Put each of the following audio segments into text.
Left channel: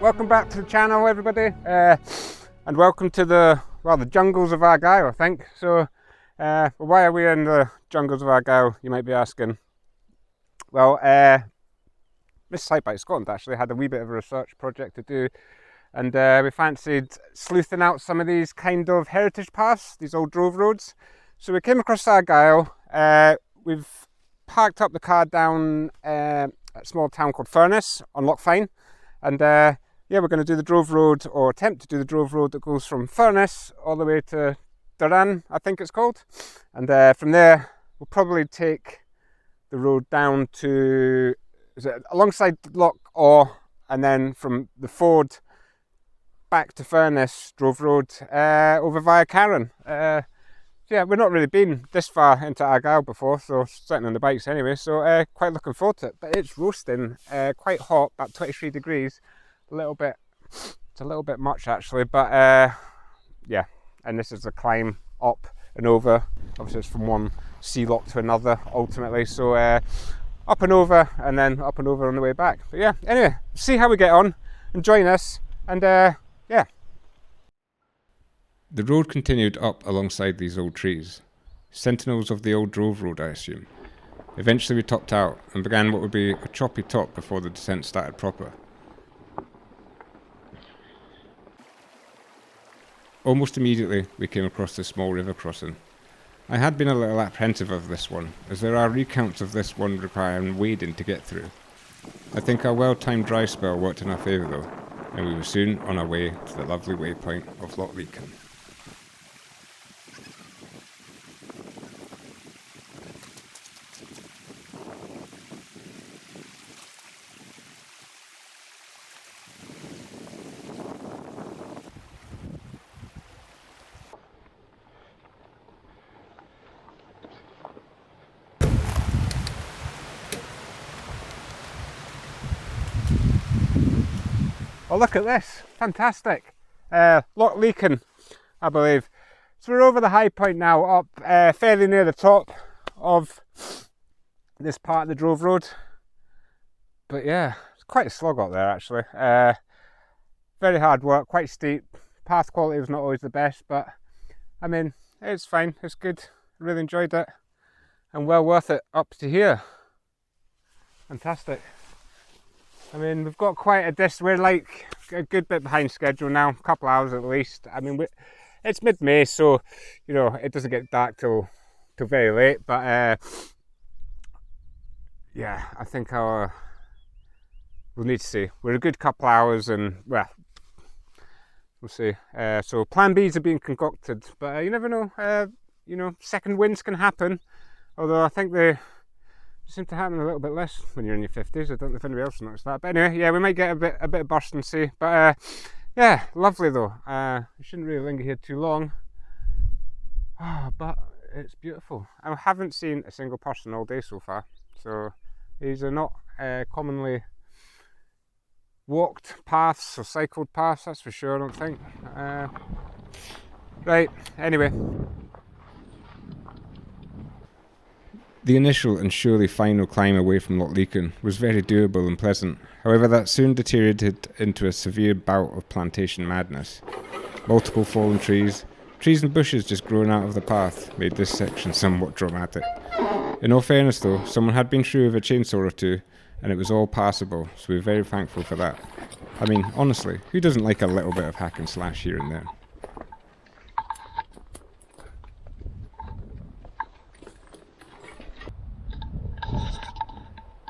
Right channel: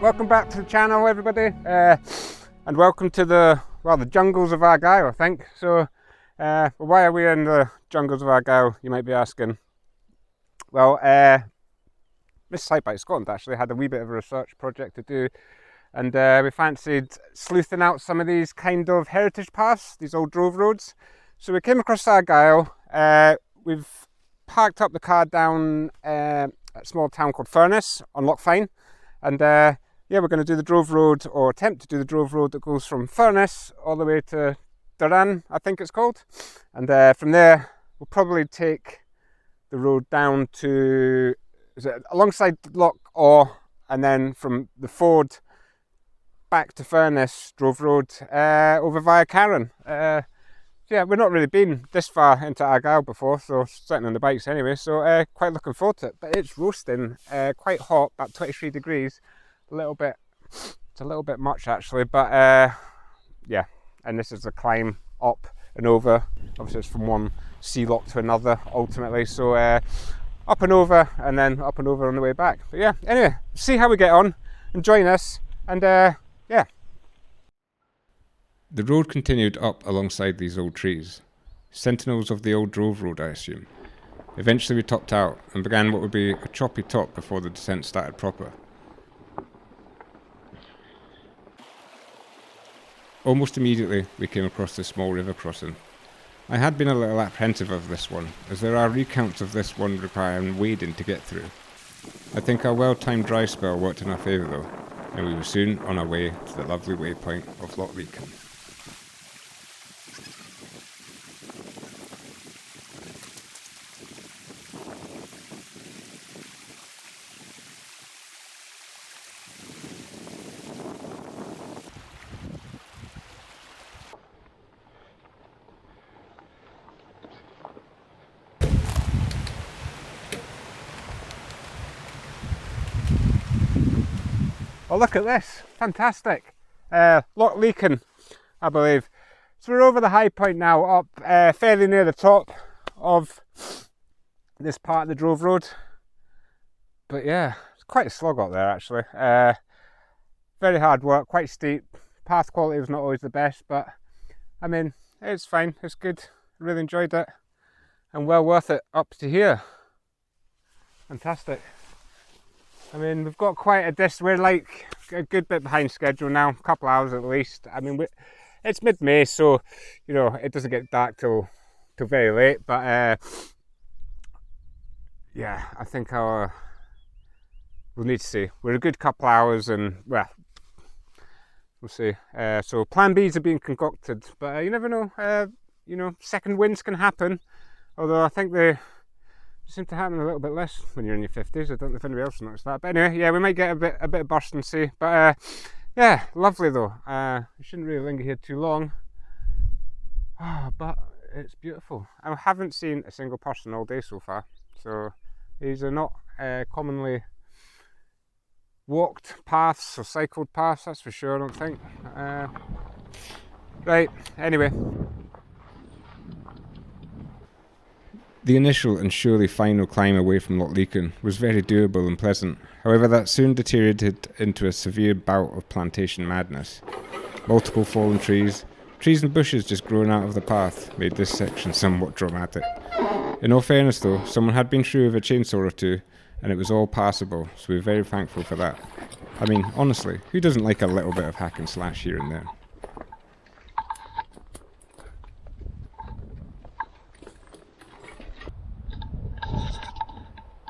Welcome back to the channel, everybody, and welcome to the jungles of Argyll, I think. So why are we in the jungles of Argyll, you might be asking? Well, Miss Sightbike Scotland actually had a wee bit of a research project to do, and we fancied sleuthing out some of these kind of heritage paths, these old drove roads. So we came across Argyll. We've parked up the car down a small town called Furness on Loch Fyne. And yeah, we're going to do the drove road, or attempt to do the drove road that goes from Furness all the way to Carron, I think it's called. And from there, we'll probably take the road down to, alongside Loch Awe, and then from the ford back to Furness drove road over via Carron. Yeah, we've not really been this far into Argyll before, so certainly on the bikes anyway, so quite looking forward to it. But it's roasting, quite hot, about 23 degrees, it's a little bit much actually, but yeah, and this is the climb up and over. Obviously it's from one sea lock to another ultimately, so up and over, and then up and over on the way back. But yeah, anyway, see how we get on, and join us, and yeah. The road continued up alongside these old trees, sentinels of the old drove road, I assume. Eventually we topped out and began what would be a choppy top before the descent started proper. Almost immediately we came across this small river crossing. I had been a little apprehensive of this one, as there are recounts of this one requiring wading to get through. I think our well-timed dry spell worked in our favour though, and we were soon on our way to the lovely waypoint of Loch Leakin. Oh, look at this, fantastic. Loch Leakin, I believe. So we're over the high point now, up fairly near the top of this part of the Drove Road. But yeah, it's quite a slog up there actually. Very hard work, quite steep. Path quality was not always the best, but I mean, it's fine, it's good. Really enjoyed it, and well worth it up to here. Fantastic. I mean, we've got quite a distance. We're like a good bit behind schedule now, a couple hours at least. I mean, it's mid-May, so you know it doesn't get dark till very late. But yeah, I think we'll need to see. We're a good couple hours, and well, we'll see. So Plan Bs are being concocted, but you never know. You know, second winds can happen. Although I think they seem to happen a little bit less when you're in your 50s. I don't know if anybody else noticed that. But anyway, yeah, we might get a bit of burst and sea. But yeah, lovely though. We shouldn't really linger here too long. But it's beautiful. I haven't seen a single person all day so far. So these are not commonly walked paths or cycled paths, that's for sure, I don't think. Right, anyway. The initial and surely final climb away from Loch Leakin was very doable and pleasant. However, that soon deteriorated into a severe bout of plantation madness. Multiple fallen trees and bushes just growing out of the path made this section somewhat dramatic. In all fairness though, someone had been through with a chainsaw or two, and it was all passable, so we're very thankful for that. I mean, honestly, who doesn't like a little bit of hack and slash here and there?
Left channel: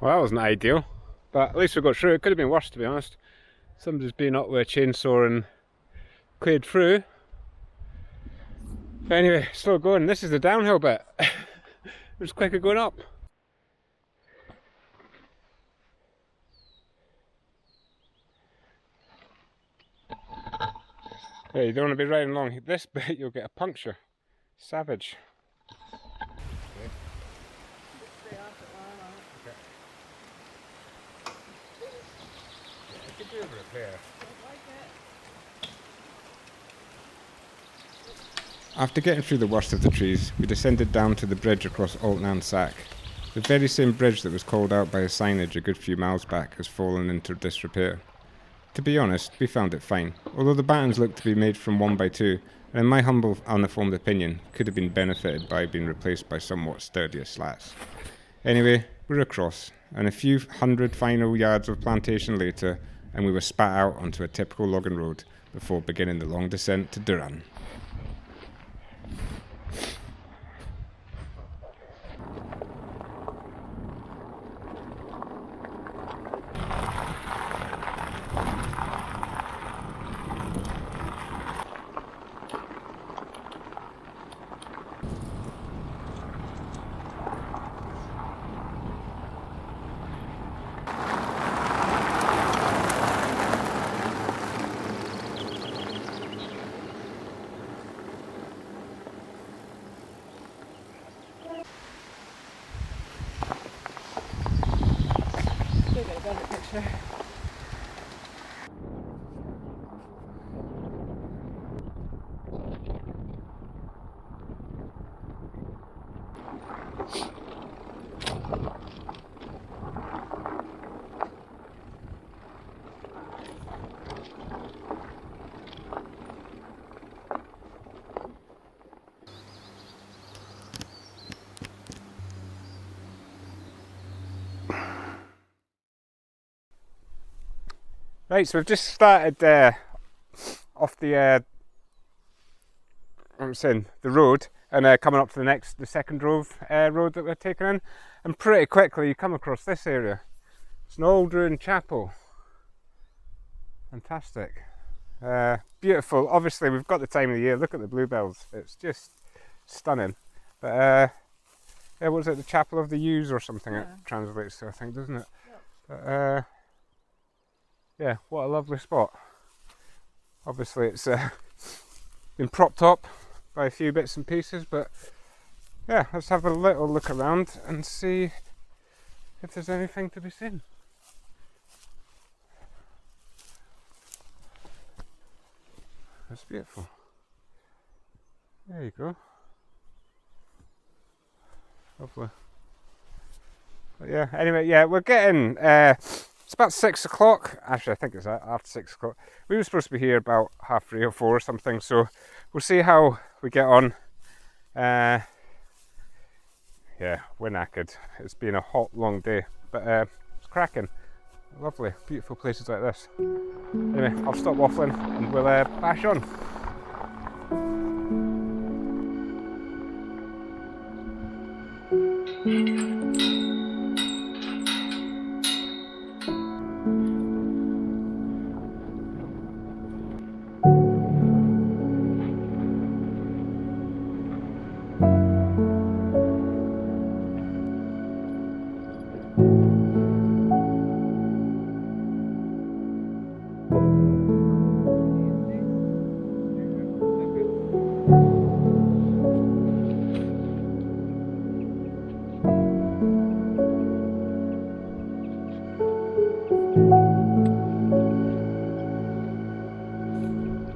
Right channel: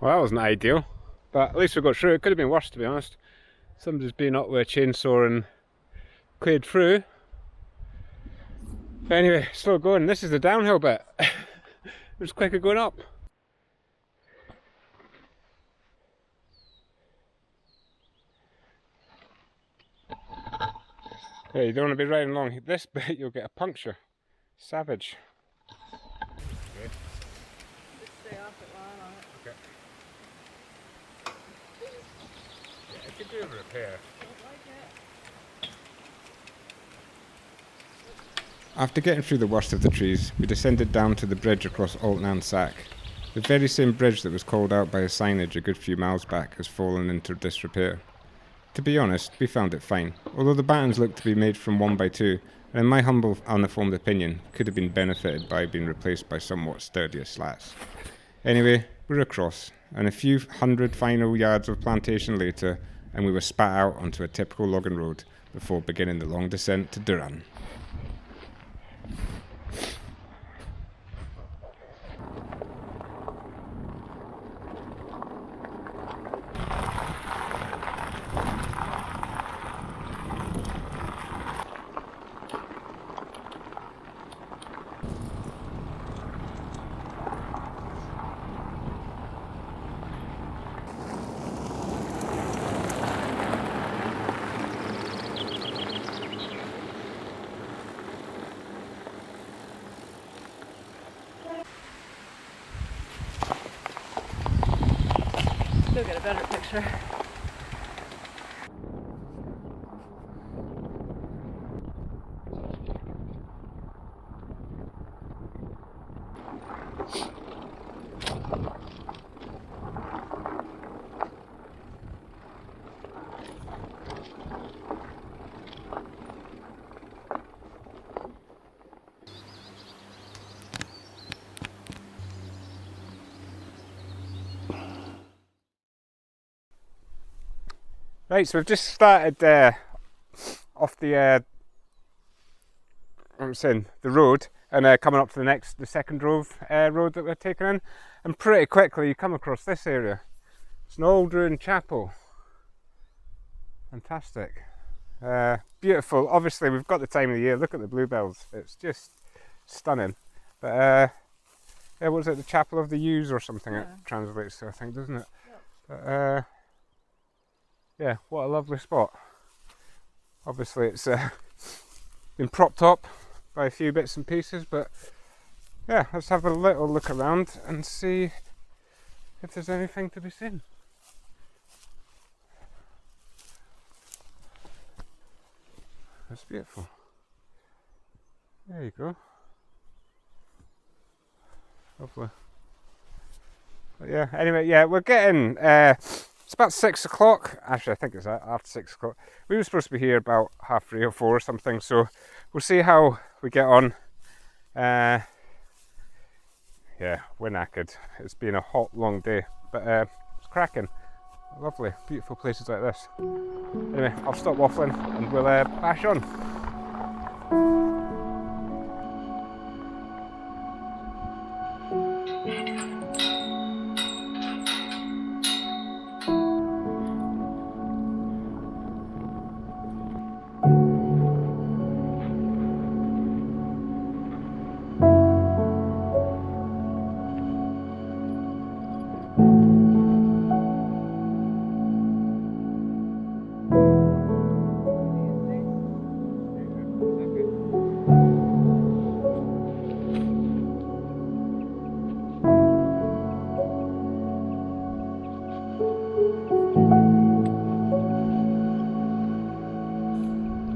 Well, that wasn't ideal, but at least we got through. It could have been worse, to be honest. Somebody's been up with a chainsaw and cleared through. But anyway, still going. This is the downhill bit. It was quicker going up. Yeah, you don't want to be riding along this bit, you'll get a puncture. Savage. Okay. Just stay off it while I'm on it. Okay. Yeah, it could do a repair. Don't like it. After getting through the worst of the trees, we descended down to the bridge across Altnan Sack. The very same bridge that was called out by a signage a good few miles back has fallen into disrepair. To be honest, we found it fine, although the battens looked to be made from 1x2, and in my humble, uninformed opinion, could have been benefited by being replaced by somewhat sturdier slats. Anyway, we're across, and a few hundred final yards of plantation later, and we were spat out onto a typical logging road before beginning the long descent to Durran. Still get a better picture. Right, so we've just started off the I'm saying the road, and coming up to the second road that we're taking in, and pretty quickly you come across this area. It's an old ruined chapel. Fantastic. Beautiful. Obviously we've got the time of the year. Look at the bluebells. It's just stunning. But yeah, what was it? The Chapel of the Yews or something it translates to, I think, doesn't it? Yep. But yeah, what a lovely spot. Obviously it's been propped up by a few bits and pieces, but yeah, let's have a little look around and see if there's anything to be seen. That's beautiful. There you go. Lovely. But yeah, anyway, yeah, we're getting, it's about 6 o'clock. Actually, I think it's after 6 o'clock. We were supposed to be here about 3:30 or 4 or something, so we'll see how we get on. Yeah, we're knackered. It's been a hot, long day, but it's cracking. Lovely, beautiful places like this. Anyway, I'll stop waffling and we'll bash on.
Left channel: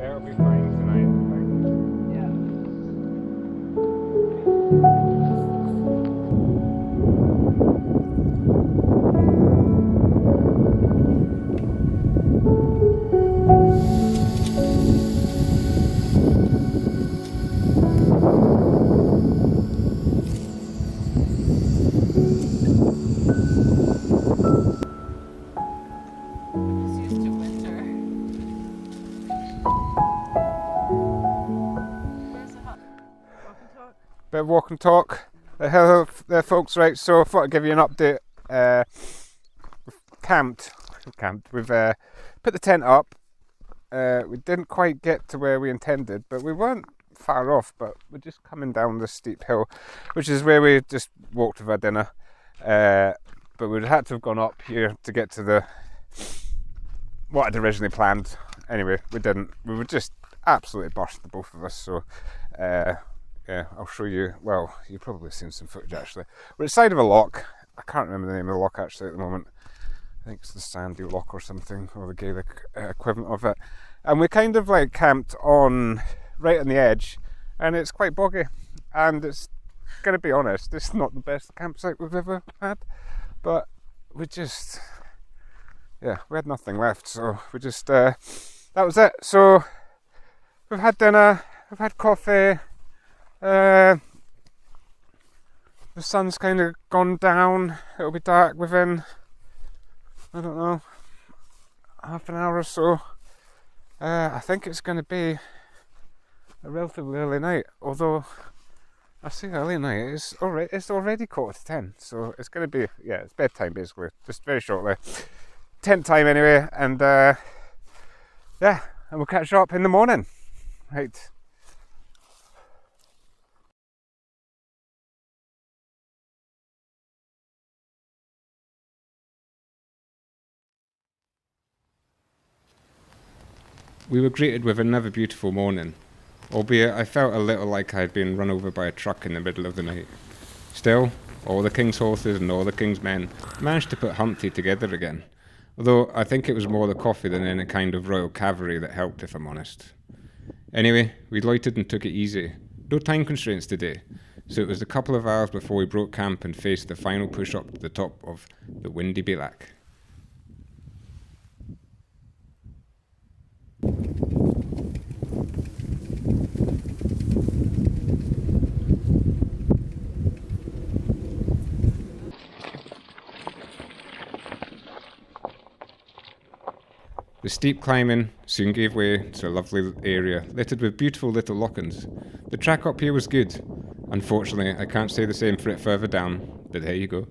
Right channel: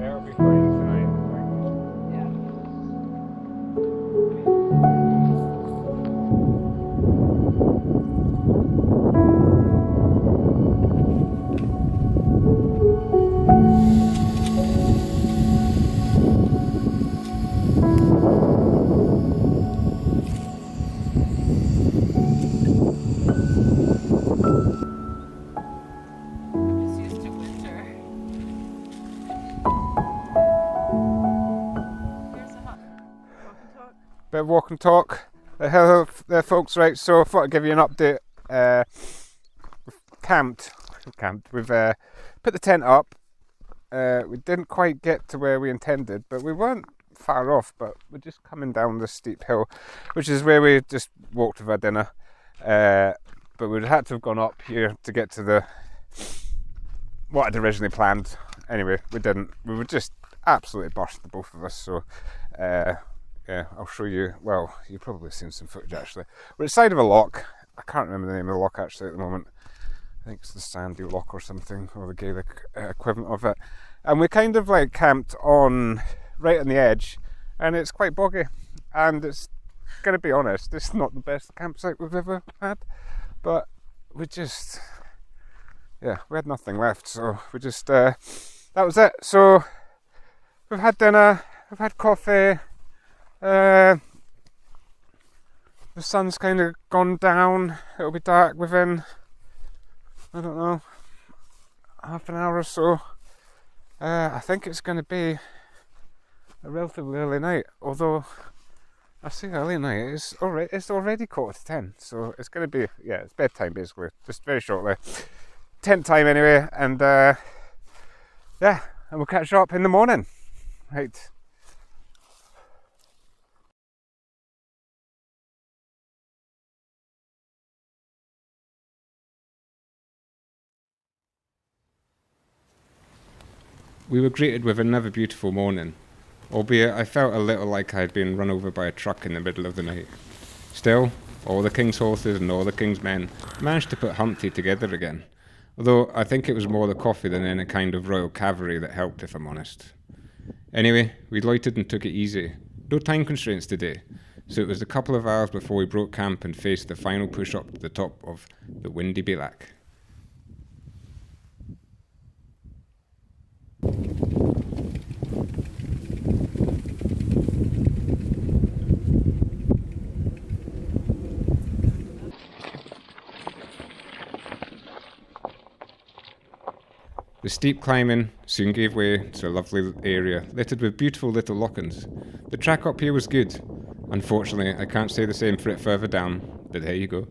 It'll be fine tonight, I think. Yeah. I'm just used to winter. Here's a hut. Walk and talk. Bit of walk and talk. Hello there, folks. Right, so I thought I'd give you an update. We've camped. We've put the tent up. We didn't quite get to where we intended, but we weren't far off. But we're just coming down this steep hill, which is where we just walked with our dinner. But we'd had to have gone up here to get to what I'd originally planned. Anyway, we didn't. We were just absolutely burst, the both of us. So yeah, I'll show you. Well, you've probably seen some footage actually. We're at the side of a loch. I can't remember the name of the loch actually at the moment. I think it's the Sandy Loch or something, or the Gaelic equivalent of it. And we kind of like camped right on the edge, and it's quite boggy. And it's gonna be honest, it's not the best campsite we've ever had. But we just, yeah, we had nothing left, so we just that was it. So we've had dinner, we've had coffee. The sun's kind of gone down. It'll be dark within, I don't know, half an hour or so. I think it's going to be a relatively early night, although I say early night, it's already 10:15, so it's going to be, yeah, it's bedtime basically, just very shortly. Tent time anyway, and yeah, and we'll catch up in the morning. Right. We were greeted with another beautiful morning, albeit I felt a little like I had been run over by a truck in the middle of the night. Still, all the king's horses and all the king's men managed to put Humpty together again, although I think it was more the coffee than any kind of royal cavalry that helped, if I'm honest. Anyway, we loitered and took it easy. No time constraints today, so it was a couple of hours before we broke camp and faced the final push up to the top of the windy Bilac. The steep climbing soon gave way to a lovely area littered with beautiful little lochans. The track up here was good. Unfortunately, I can't say the same for it further down, but there you go.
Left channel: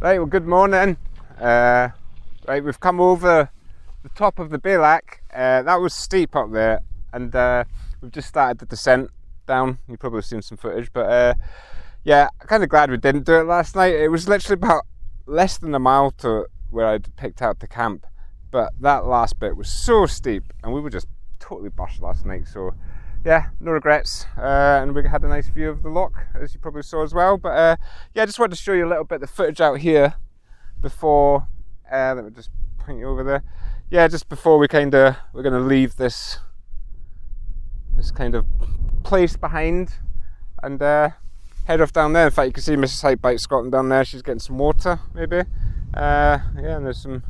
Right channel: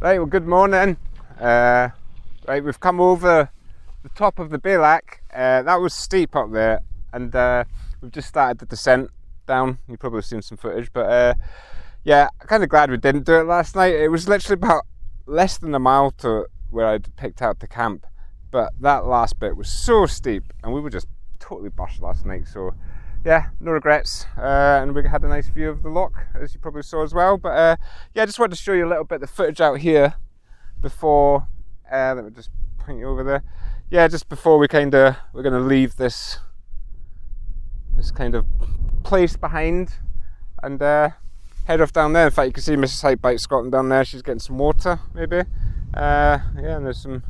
Right, well, good morning. Right, we've come over the top of the Bailach. That was steep up there, and we've just started the descent down. You've probably seen some footage, but yeah, I'm kind of glad we didn't do it last night. It was literally about less than a mile to where I'd picked out the camp, but that last bit was so steep, and we were just totally bushed last night. So yeah, no regrets, and we had a nice view of the loch, as you probably saw as well. But yeah, I just wanted to show you a little bit of the footage out here before. Let me just point you over there. Yeah, just before we're going to leave this kind of place behind and head off down there. In fact, you can see Mrs. Hikebike Scotland down there. She's getting some water, maybe. Yeah, and there's some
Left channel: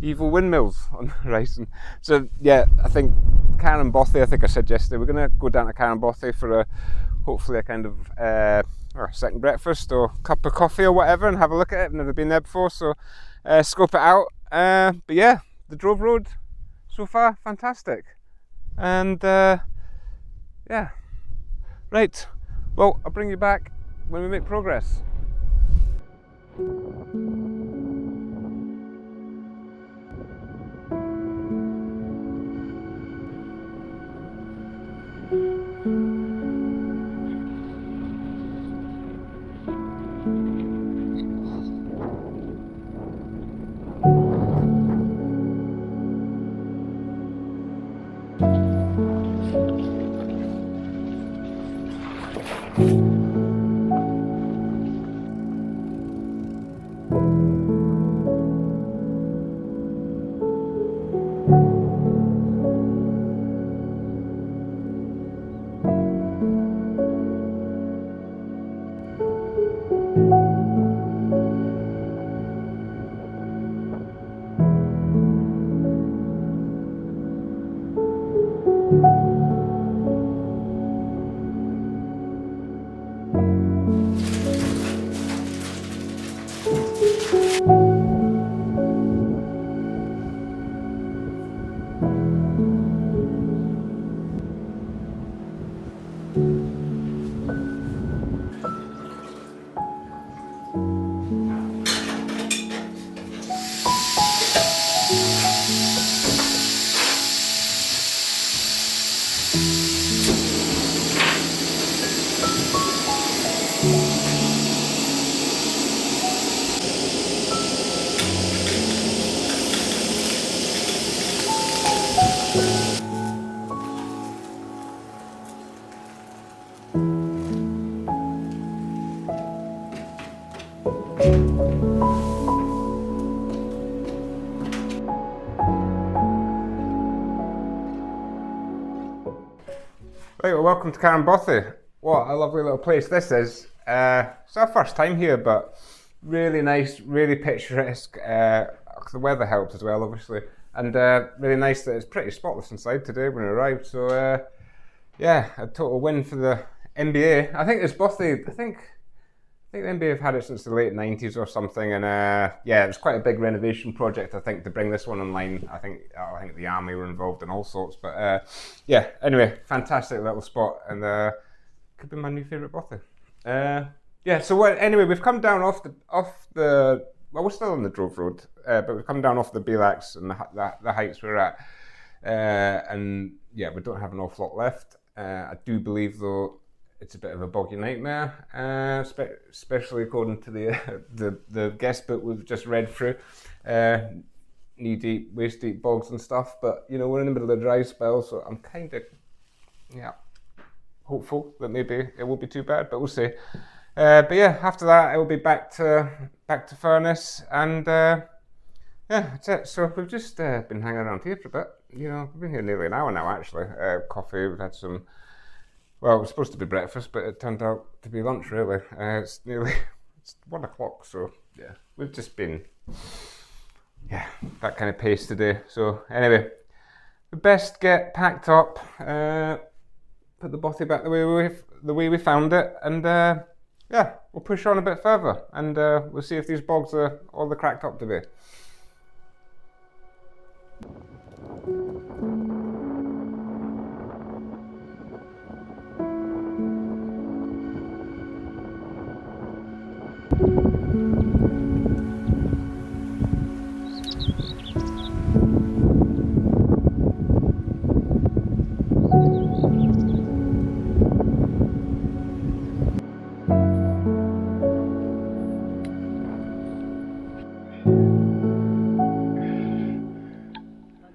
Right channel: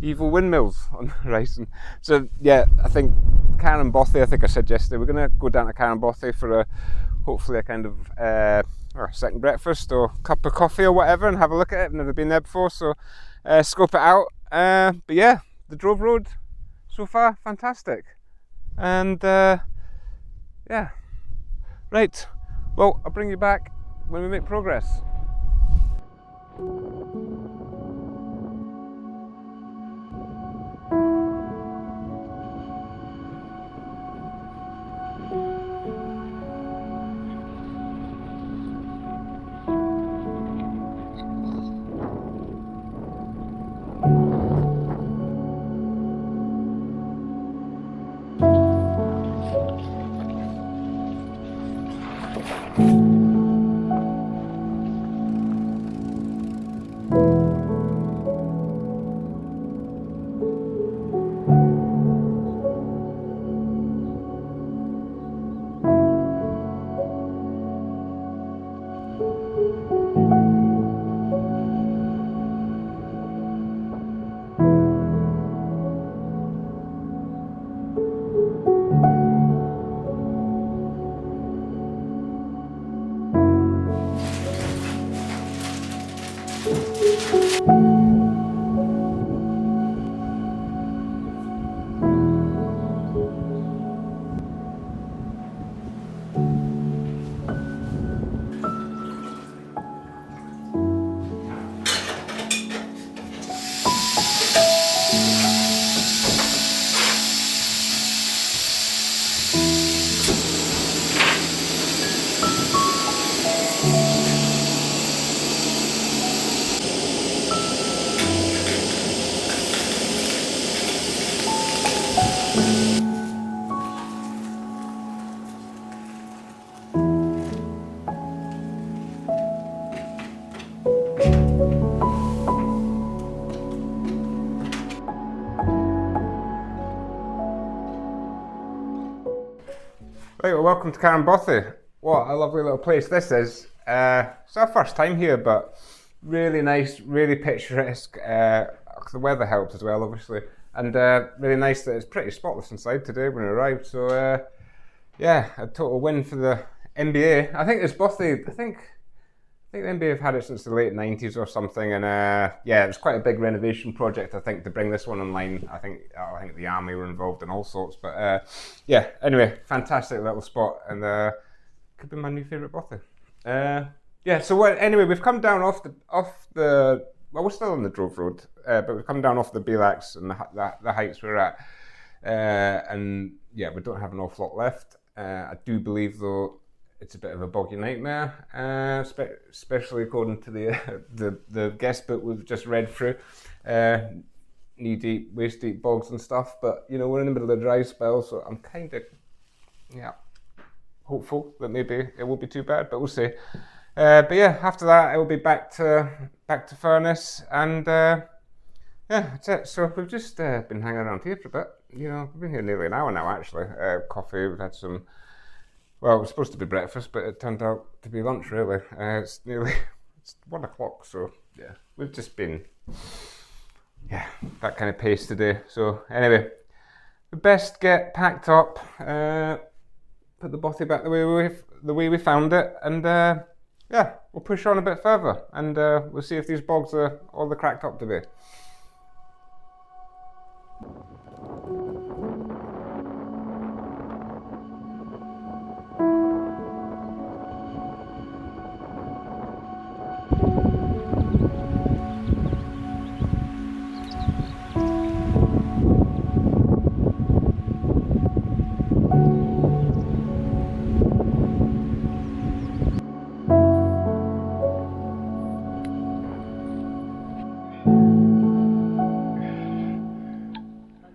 evil windmills on the horizon. So yeah, I think Carron Bothy, I think I said yesterday, we're going to go down to Carron Bothy for hopefully a kind of or second breakfast or cup of coffee or whatever, and have a look at it. I've never been there before, so scope it out. But yeah, the Drove Road so far, fantastic. And yeah, right, well, I'll bring you back when we make progress. Right, well, welcome to Carron Bothy. What a lovely little place this is. It's our first time here, but really nice, really picturesque. The weather helped as well, obviously, and really nice that it's pretty spotless inside today when we arrived. So yeah, a total win for the NBA. I think it's Bothy. I think the NBA have had it since the late 90s or something, and yeah, it was quite a big renovation project, I think, to bring this one online. I think the army were involved in all sorts, but yeah, anyway, fantastic little spot, and could be my new favourite Bothy. Yeah, so anyway, we've come down off the well, we're still on the Drove Road, but we've come down off the Bailachs and the heights we're at, and yeah, we don't have an awful lot left. I do believe, though, it's a bit of a boggy nightmare, especially according to the guest book we've just read through. Knee-deep, waist-deep bogs and stuff, but you know, we're in the middle of a dry spell, so I'm kind of, yeah, hopeful that maybe it won't be too bad, but we'll see. But yeah, after that, I will be back to furnace, and yeah, that's it. So we've just been hanging around here for a bit. You know, we've been here nearly an hour now, actually. Coffee, we've had some, well, it was supposed to be breakfast, but it turned out to be lunch, really. It's nearly, it's 1 o'clock, so yeah, we've just been, yeah, that kind of pace today. So anyway, we best get packed up, put the Bothy back the way we found it, and yeah, we'll push on a bit further, and we'll see if these bogs are all they're cracked up to be.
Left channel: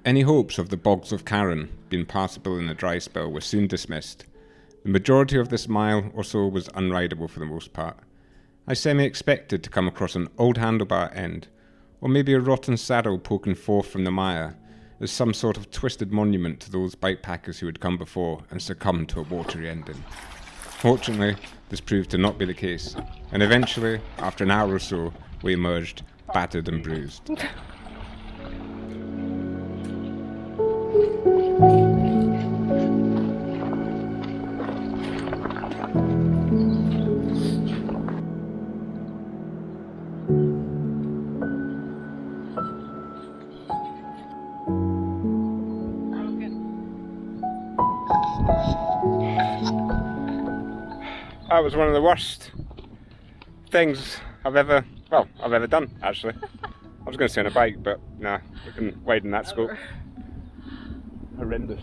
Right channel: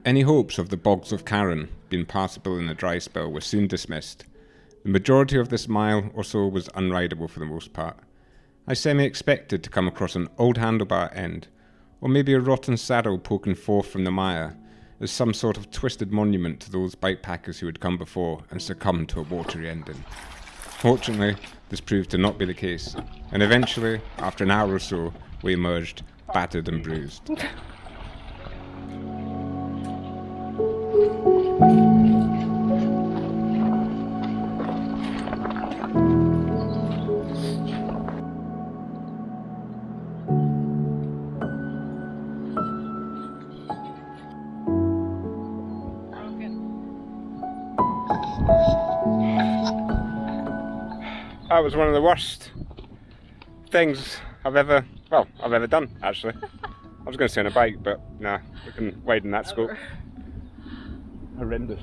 Any hopes of the bogs of Carron being passable in a dry spell were soon dismissed. The majority of this mile or so was unrideable for the most part. I semi-expected to come across an old handlebar end, or maybe a rotten saddle poking forth from the mire, as some sort of twisted monument to those bikepackers who had come before and succumbed to a watery ending. Fortunately, this proved to not be the case, and eventually, after an hour or so, we emerged, battered and bruised. That was one of the worst things I've ever done, actually. I was going to say on a bike, but nah, we can widen that scope. Horrendous.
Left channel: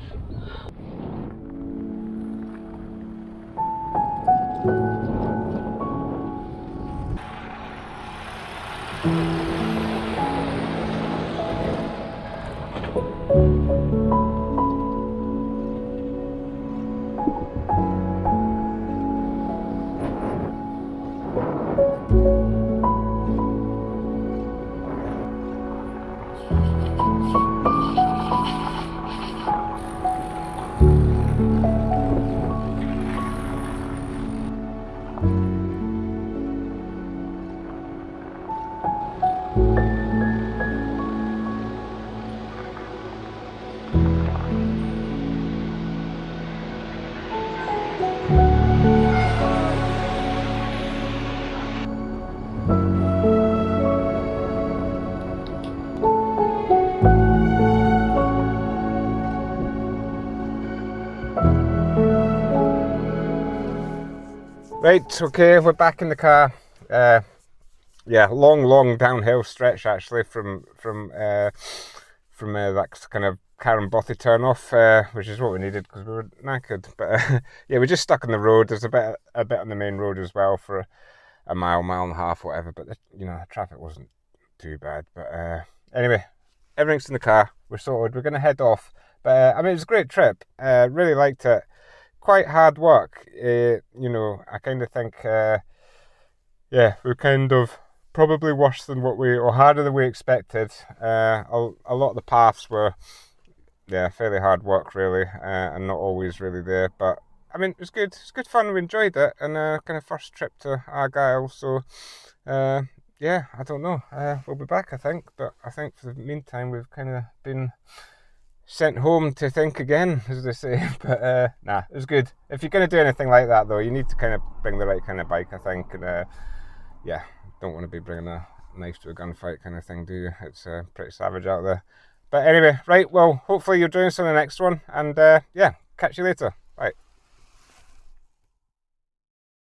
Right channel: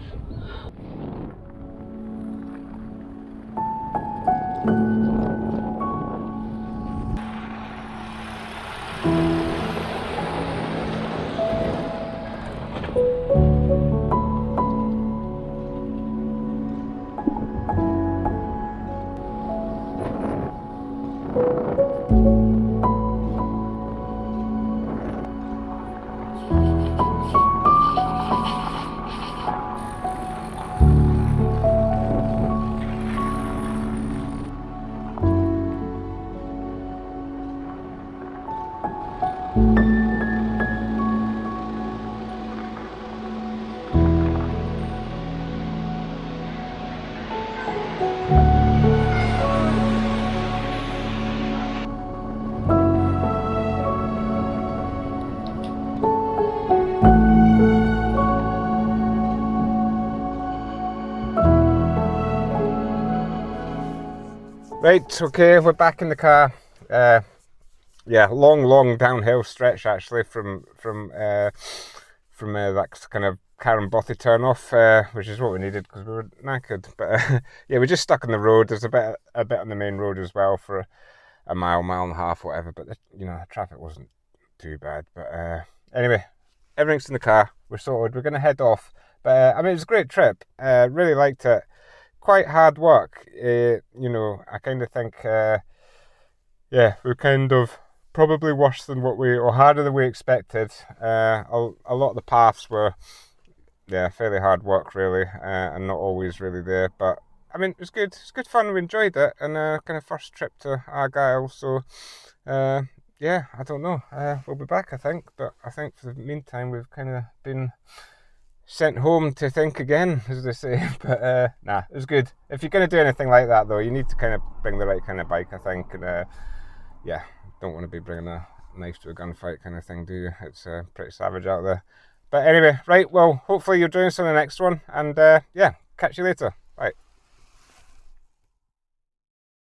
Right, okay, we're back in the car. Yeah, long downhill stretch actually from that kind of Carron Bothy turn off, which is what we needed because we were knackered. But yeah, we're just stuck on the road. There's a bit on the main road as well for a mile and a half, whatever. But you know, the traffic wasn't too bad. But anyway, everything's in the car. We're sorted. We're going to head off. But I mean, it was a great trip. Really liked it. Quite hard work, you know. I kind of think, yeah, we're kind of probably worse than or harder than we expected. A lot of the paths were, yeah, fairly hard work really, and not always really there. But I mean, it was good. It's good fun. We enjoyed it, and kind of first trip to Argyll. So, yeah, I don't know. We'll be back, I think. But I think for the meantime, we've kind of been sent home to think again, as they say. But nah, it was good. If you're going to do anything like that though, you need to kind of bring the right kind of bike, I think. And yeah, don't want to be bringing a knife to a gunfight kind of thing, do you? It's pretty savage out there. But anyway, right, well, hopefully you're doing this on the next one, and yeah, catch you later.